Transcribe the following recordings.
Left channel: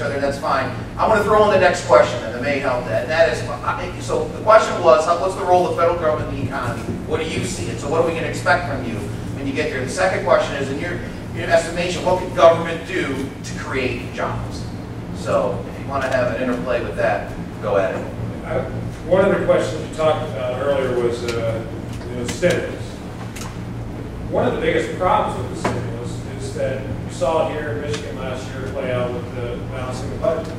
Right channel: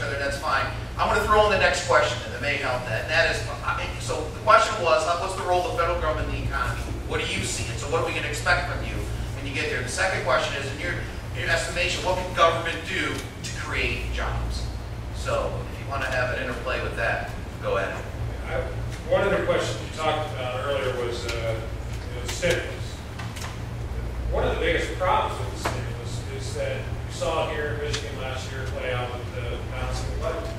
each other, and that's fine. I want to throw in the next question, and that may help that. And that is, so the question was, what's the role of the federal government in the economy? What do you see? And so what are we going to expect from you when you get there? The second question is, in your estimation, what can government do to create jobs? So if you want to have an interplay with that, go at it. One of the questions you talked about earlier was stimulus. One of the biggest problems with the stimulus is that you saw it here in Michigan last year play out with the balancing the budget.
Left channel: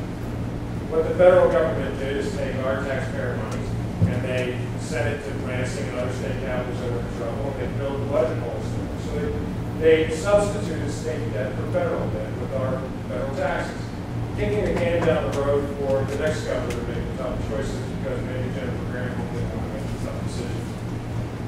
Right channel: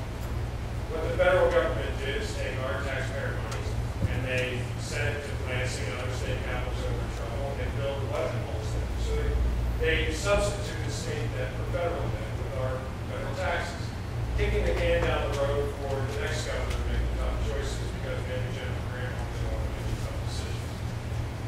What the federal government did is take our taxpayer monies and they sent it to Lansing and other state capitals that were in trouble, and they filled the budget holes in there. So they substituted state debt for federal debt with our federal taxes, kicking the can down the road for the next governor to make tough choices because maybe Jennifer Granholm didn't want to make the tough decisions.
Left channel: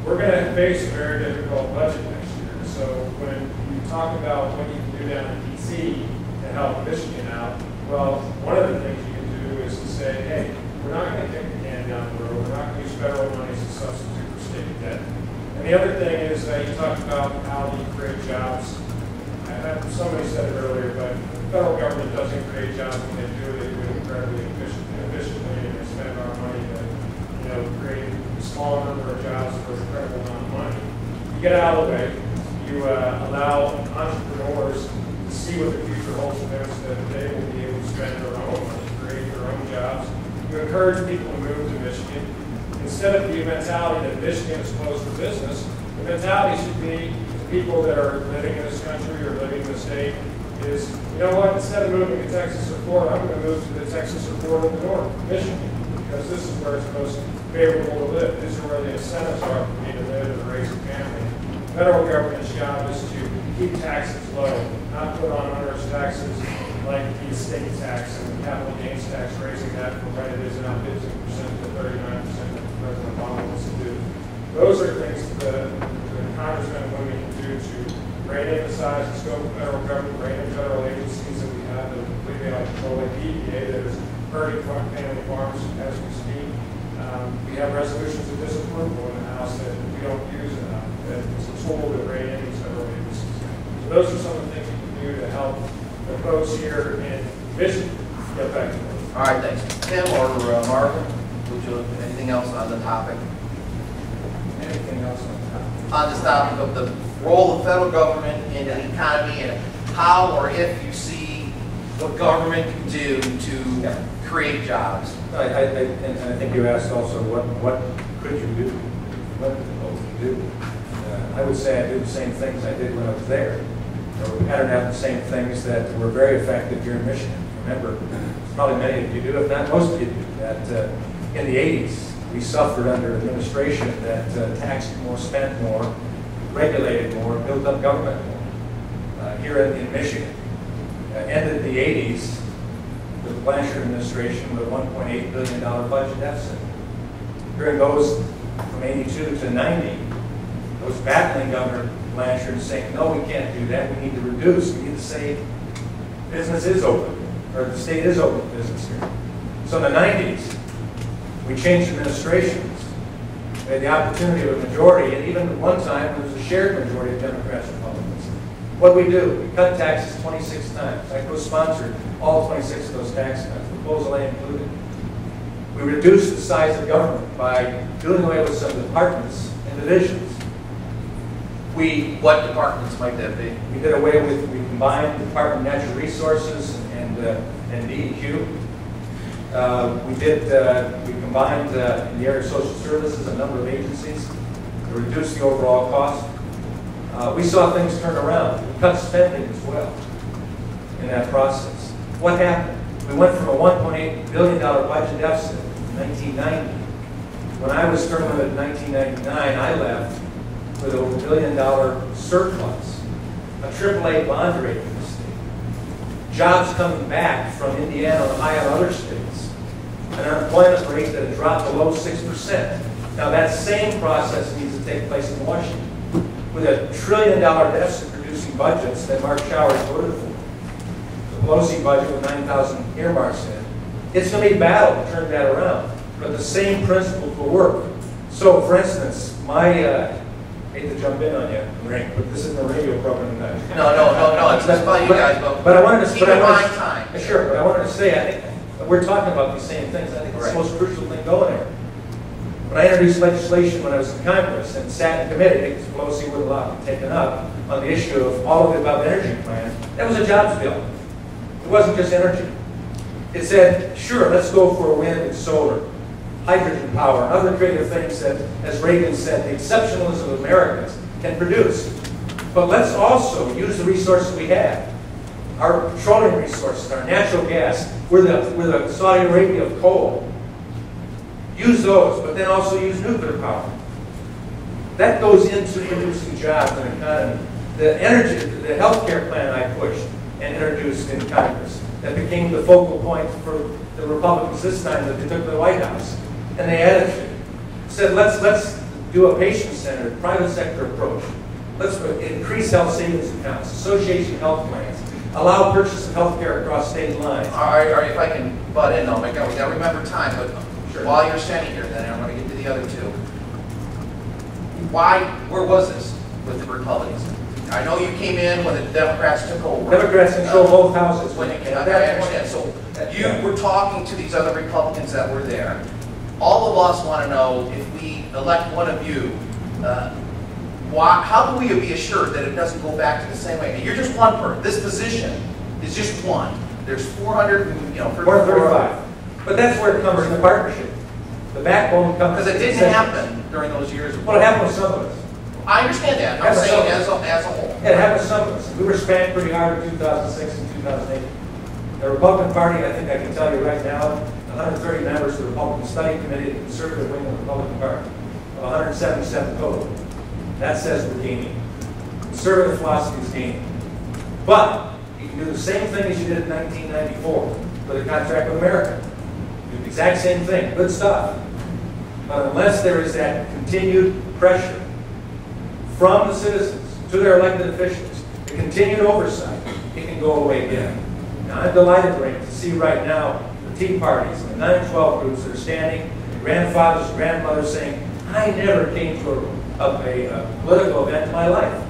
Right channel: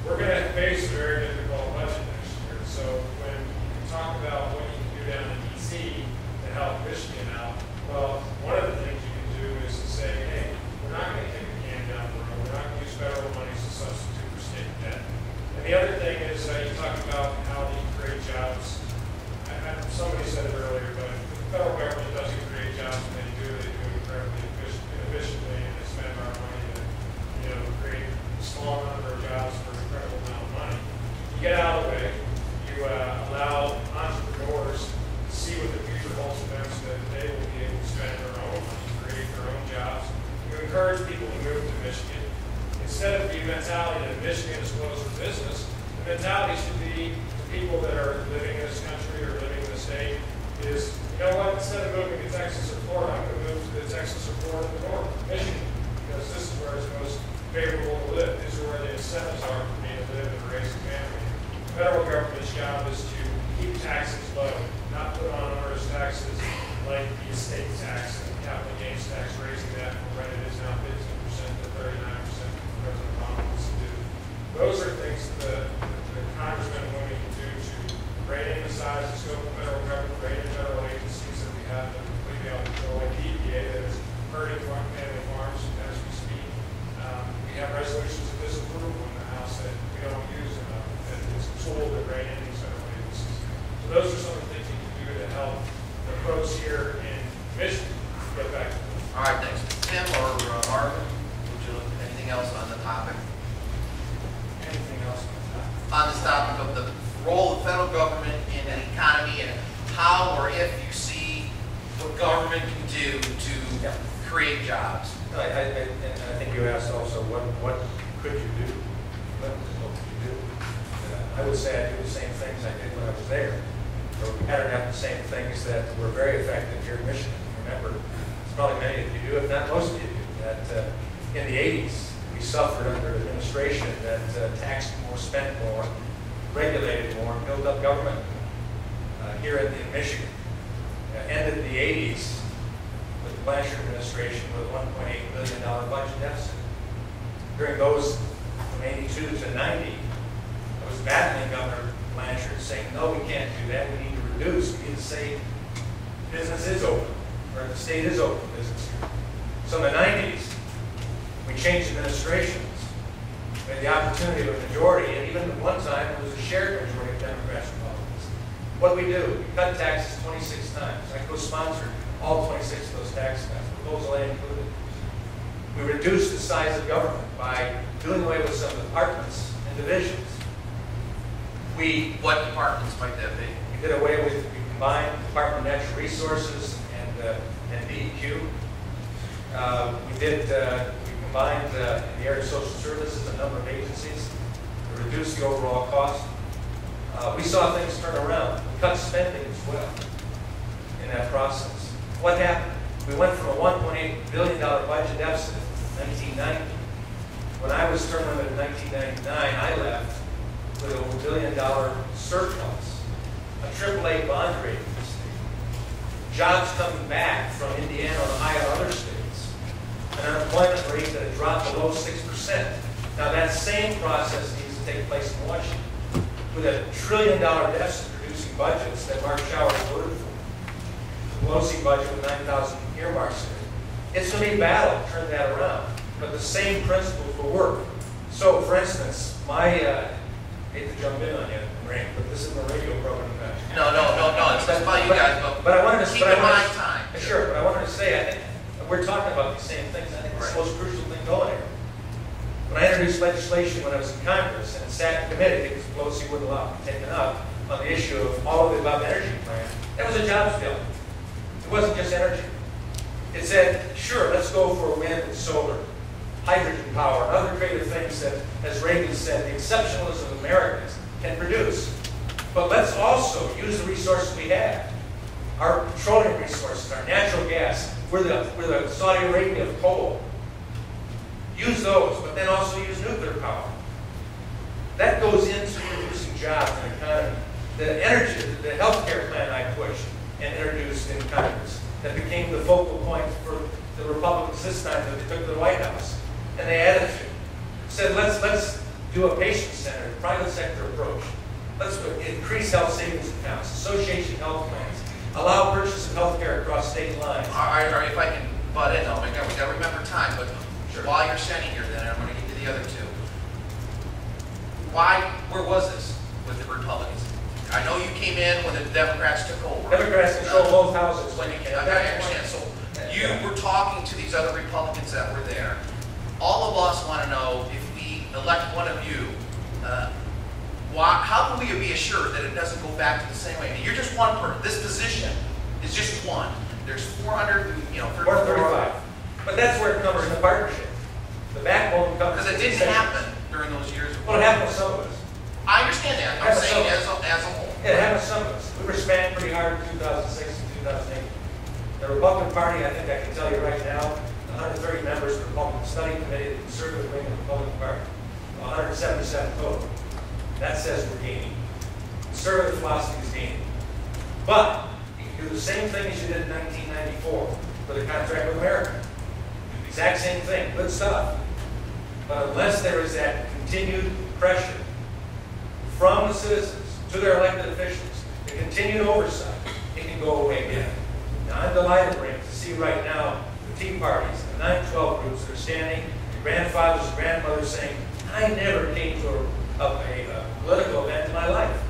We're going to face a very difficult budget next year. So when you talk about what you can do down in D.C. to help Michigan out, well, one of the things you can do is to say, hey, we're not going to kick the can down the road. We're not going to use federal money as a substitute for state debt. And the other thing is you talked about how you create jobs. Somebody said it earlier, but the federal government doesn't create jobs when they do it incredibly efficiently, and they spend our money to create a small number of jobs for an incredible amount of money. You get out of the way. You allow entrepreneurs to see what the future holds for them so that they will be able to spend their own money, create their own jobs. You encourage people to move to Michigan. Instead of the mentality that Michigan is closed for business, the mentality should be to people that are living in this country or living in the state is, you know what, instead of moving to Texas or Florida, I'm going to move to the Texas or Florida in the north, Michigan, because this is where it's most favorable to live. These are where the incentives are for me to live and raise a family. The federal government's job is to keep taxes low, not put on onerous taxes like the estate tax and capital gains tax, raising that from what it is now 15% to 39% that President Obama wants to do. Those are things that the congressmen and women can do to rein in the size and scope of federal government, rein in federal agencies that we have that are completely out of control, like the EPA that is hurting family farms as we speak. We have resolutions of disapproval in the House that we don't use enough, that it's a tool to rein in these federal agencies. So those are some of the things we can do to help the folks here in Michigan get back to work. All right, thanks. Tim or Marvin, anything else on the topic? Anything else on the topic? On this topic of the role of the federal government in the economy and how or if you see what government can do to create jobs. And I think you asked also what could you do? What would you do? I would say I do the same things I did when I was there. We patterned out the same things that were very effective here in Michigan. Remember, probably many of you do, if not most of you do, that in the 80s we suffered under an administration that taxed more, spent more, regulated more, built up government more. Here in Michigan, ended the 80s with the Blanchard administration with a $1.8 billion budget deficit. During those from 82 to 90, I was battling Governor Blanchard saying, no, we can't do that. We need to reduce. We need to say business is open, or the state is open to business here. So in the 90s, we changed administrations. We had the opportunity of a majority, and even at one time, there was a shared majority of Democrats and Republicans. What did we do? We cut taxes 26 times. I co-sponsored all 26 of those tax cuts, proposal A included. We reduced the size of government by doing away with some departments and divisions. What departments might that be? We did away with, we combined the Department of Natural Resources and DEQ. We combined in the area of social services a number of agencies to reduce the overall cost. We saw things turn around. We cut spending as well in that process. What happened? We went from a $1.8 billion budget deficit in 1990. When I was terminated in 1999, I left with over $1 billion surplus, a AAA bond rating in the state, jobs coming back from Indiana, Ohio, and other states, an unemployment rate that had dropped below 6%. Now that same process needs to take place in Washington, with a $1 trillion deficit producing budgets that Mark Showers voted for. The Pelosi budget with 9,000 earmarks in it. It's going to be a battle to turn that around, but the same principles will work. So, for instance, I hate to jump in on you, Ray, but this is the radio program, guys. No, it's just about you guys. But I wanted to keep in mind time. Sure, but I wanted to say, I think, we're talking about these same things. I think it's the most crucial thing going here. When I introduced legislation when I was in Congress and sat in committee, because Pelosi wouldn't allow it to be taken up, on the issue of all of the above energy plan, that was a jobs bill. It wasn't just energy. It said, sure, let's go for wind and solar, hydrogen power, other creative things that, as Reagan said, the exceptionalism of Americans can produce. But let's also use the resources we have. Our petroleum resources, our natural gas, we're the Saudi Arabia of coal. Use those, but then also use nuclear power. That goes into producing jobs and economy. The energy, the healthcare plan I pushed and introduced in Congress, that became the focal point for the Republicans this time that they took to the White House. And they added to it. Said, let's do a patient-centered, private sector approach. Let's increase health savings accounts, association health plans, allow purchase of health care across state lines. All right, if I can butt in, oh my God, we got to remember time, but Sure. while you're standing here, then I want to get to the other two. Where was this with the Republicans? I know you came in when the Democrats took over. Democrats control both houses. When I understand. So you were talking to these other Republicans that were there. All of us want to know, if we elect one of you, how can we be assured that it doesn't go back to the same way? I mean, you're just one person. This position is just one. There's 435. But that's where it comes in the partnership. The backbone comes. Because it didn't happen during those years. Well, it happened with some of us. I understand that. I'm saying as a whole. It happened with some of us. We were spanked pretty hard in 2006 and 2008. The Republican Party, I think I can tell you right now, 130 members of the Republican Study Committee, the conservative wing of the Republican Party, 177 total. That says we're gaining. Conservative philosophy is gaining. But you can do the same thing as you did in 1994 with a contract with America. Do the exact same thing. Good stuff. But unless there is that continued pressure from the citizens to their elected officials, the continued oversight, it can go away again. Now, I'm delighted, Ray, to see right now the Tea Parties and the 9/12 groups that are standing, the grandfathers and grandmothers saying, I never came to a political event in my life,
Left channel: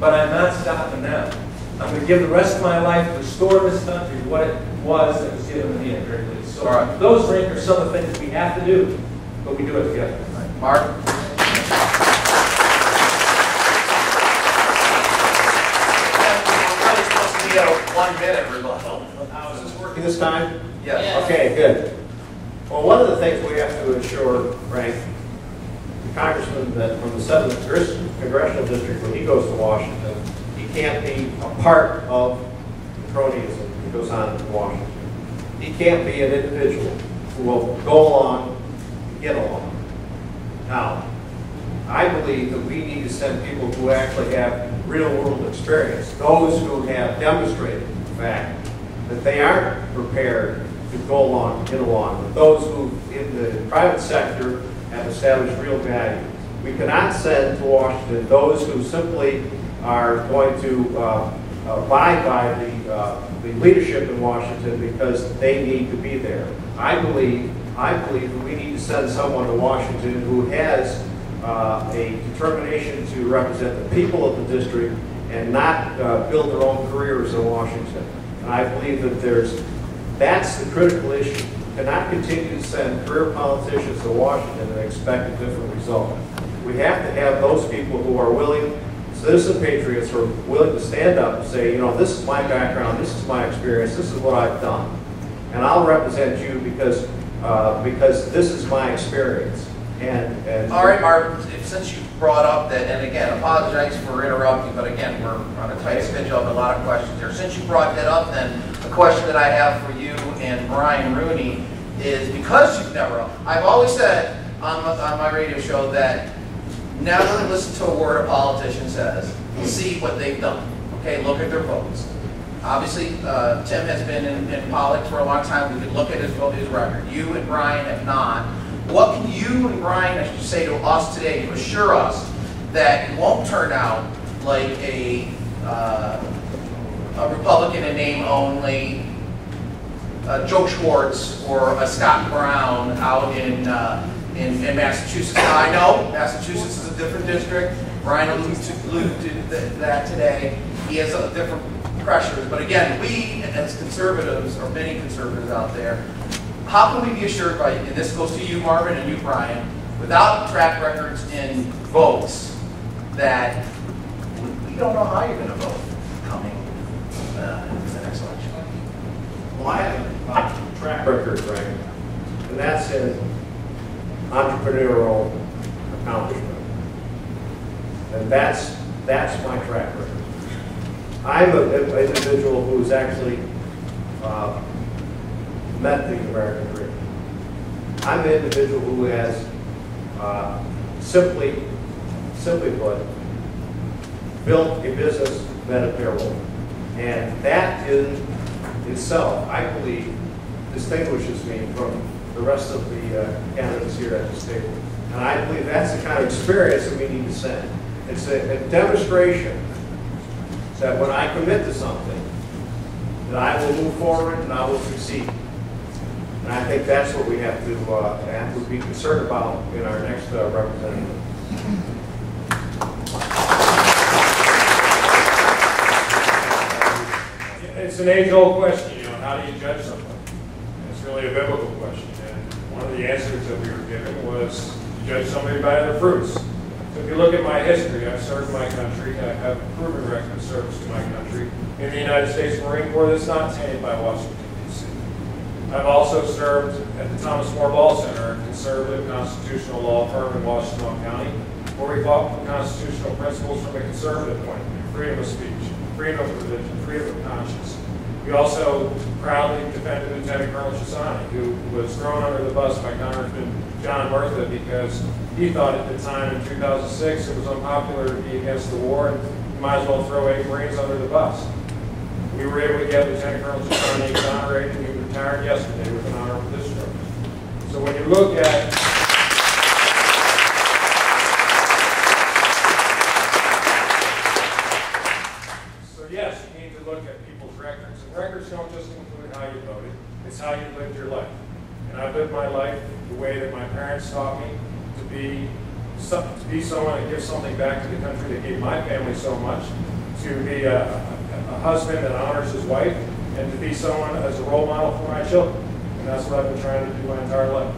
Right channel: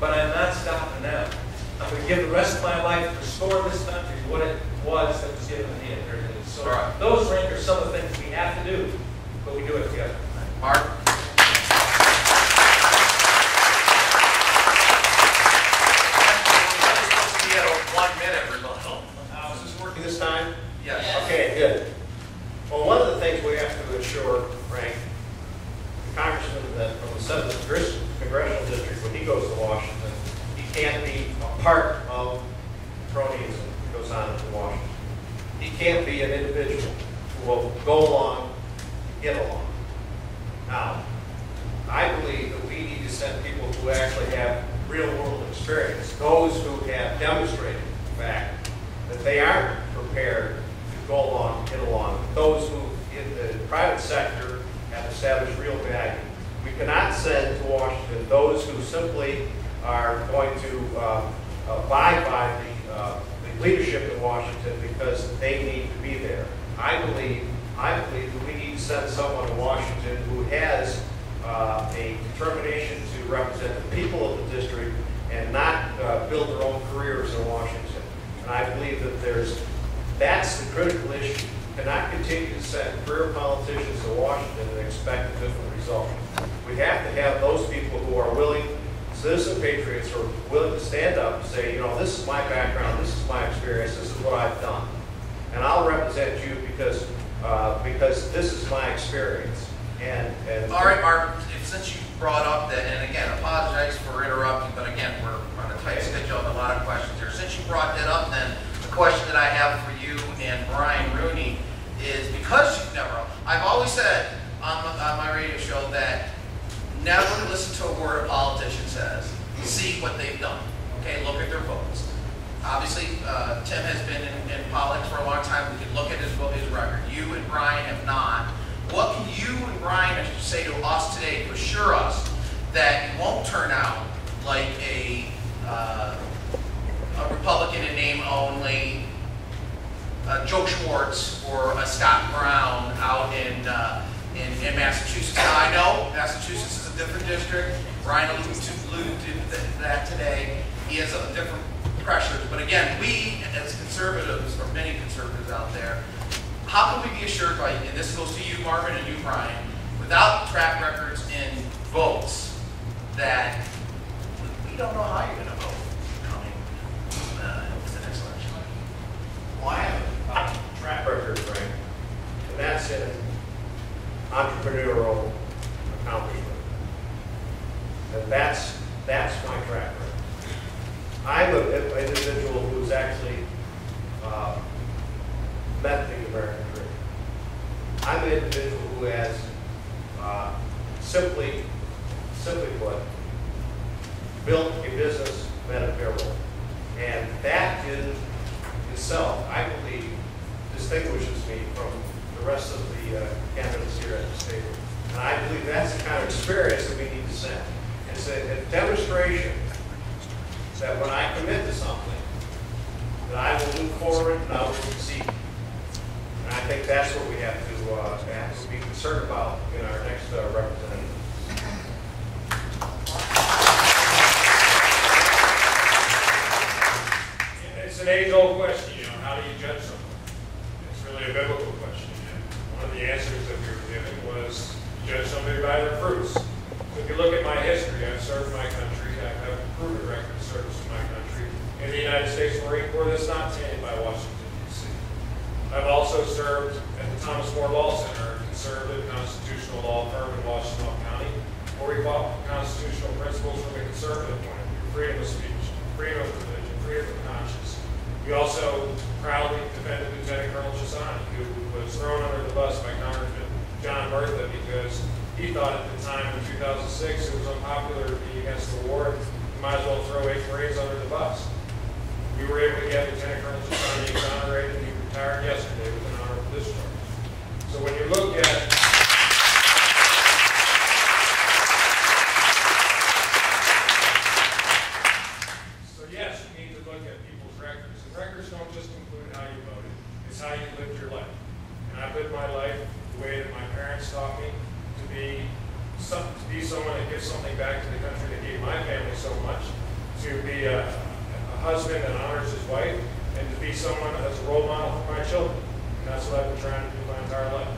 but I'm not stopping now. I'm going to give the rest of my life to restore this country what it was that was given to me at very least. So those are some of the things we have to do, but we do it together. Mark? Supposed to be a 1 minute rebuttal. Is this working this time? Yes. Okay, good. Well, one of the things we have to ensure, Frank, the congressman that from the 7th Congressional District, when he goes to Washington, he can't be a part of the cronyism that goes on in Washington. He can't be an individual who will go along, get along. Now, I believe that we need to send people who actually have real-world experience, those who have demonstrated the fact that they aren't prepared to go along, get along, with those who in the private sector have established real value. We cannot send to Washington those who simply are going to abide by the leadership in Washington because they need to be there. I believe that we need to send someone to Washington who has a determination to represent the people of the district and not build their own careers in Washington. And I believe that that's the critical issue. We cannot continue to send career politicians to Washington and expect a different result. We have to have those people who are willing, citizen patriots who are willing to stand up and say, you know, this is my background, this is my experience, this is what I've done. And I'll represent you because this is my experience. And all right, Mark, since you brought up that, and again, apologize for interrupting, but again, we're on a tight schedule, I have a lot of questions here. Since you brought that up, then the question that I have for you and Brian Rooney is, because you've never, I've always said on my radio show that never listen to a word a politician says. See what they've done. Okay, look at their votes. Obviously, Tim has been in politics for a long time. We can look at his record. You and Brian have not. What can you and Brian say to us today to assure us that it won't turn out like a Republican in name only, Joe Schwartz or a Scott Brown out in Massachusetts? Now, I know Massachusetts is a different district. Brian alluded to that today. He has a different pressures, but again, we as conservatives, or many conservatives out there, how can we be assured by, and this goes to you, Marvin, and you, Brian, without track records in votes, that we don't know how you're going to vote coming in the next election? Well, I have a track record, right? And that's in entrepreneurial accomplishment. And that's my track record. I'm an individual who's actually met the American dream. I'm an individual who has simply put, built a business that apparel. And that in itself, I believe, distinguishes me from the rest of the candidates here at this table. And I believe that's the kind of experience that we need to send. It's a demonstration that when I commit to something, that I will move forward and I will succeed. And I think that's what we have to be concerned about in our next representative. It's an age-old question, how do you judge something? It's really a biblical question, and one of the answers that we were given was to judge somebody by their fruits. So if you look at my history, I've served my country, I have proven record of service to my country in the United States Marine Corps that's not tainted by Washington, D.C. I've also served at the Thomas More Law Center, a conservative constitutional law firm in Washington County, where we fought for constitutional principles from a conservative point of view: freedom of speech, freedom of religion, freedom of conscience. We also proudly defended Lieutenant Colonel Chisani, who was thrown under the bus by Congressman John Murtha because he thought at the time in 2006 it was unpopular to be against the war and you might as well throw 8 Marines under the bus. We were able to get Lieutenant Colonel Chisani exonerated. He retired yesterday with an honorable discharge. So when you look at yes, you need to look at people's records. And records don't just include how you voted, it's how you lived your life. And I've lived my life the way that my parents taught me to be someone that gives something back to the country that gave my family so much, to be a husband that honors his wife, and to be someone as a role model for my children. And that's what I've been trying to do my entire life.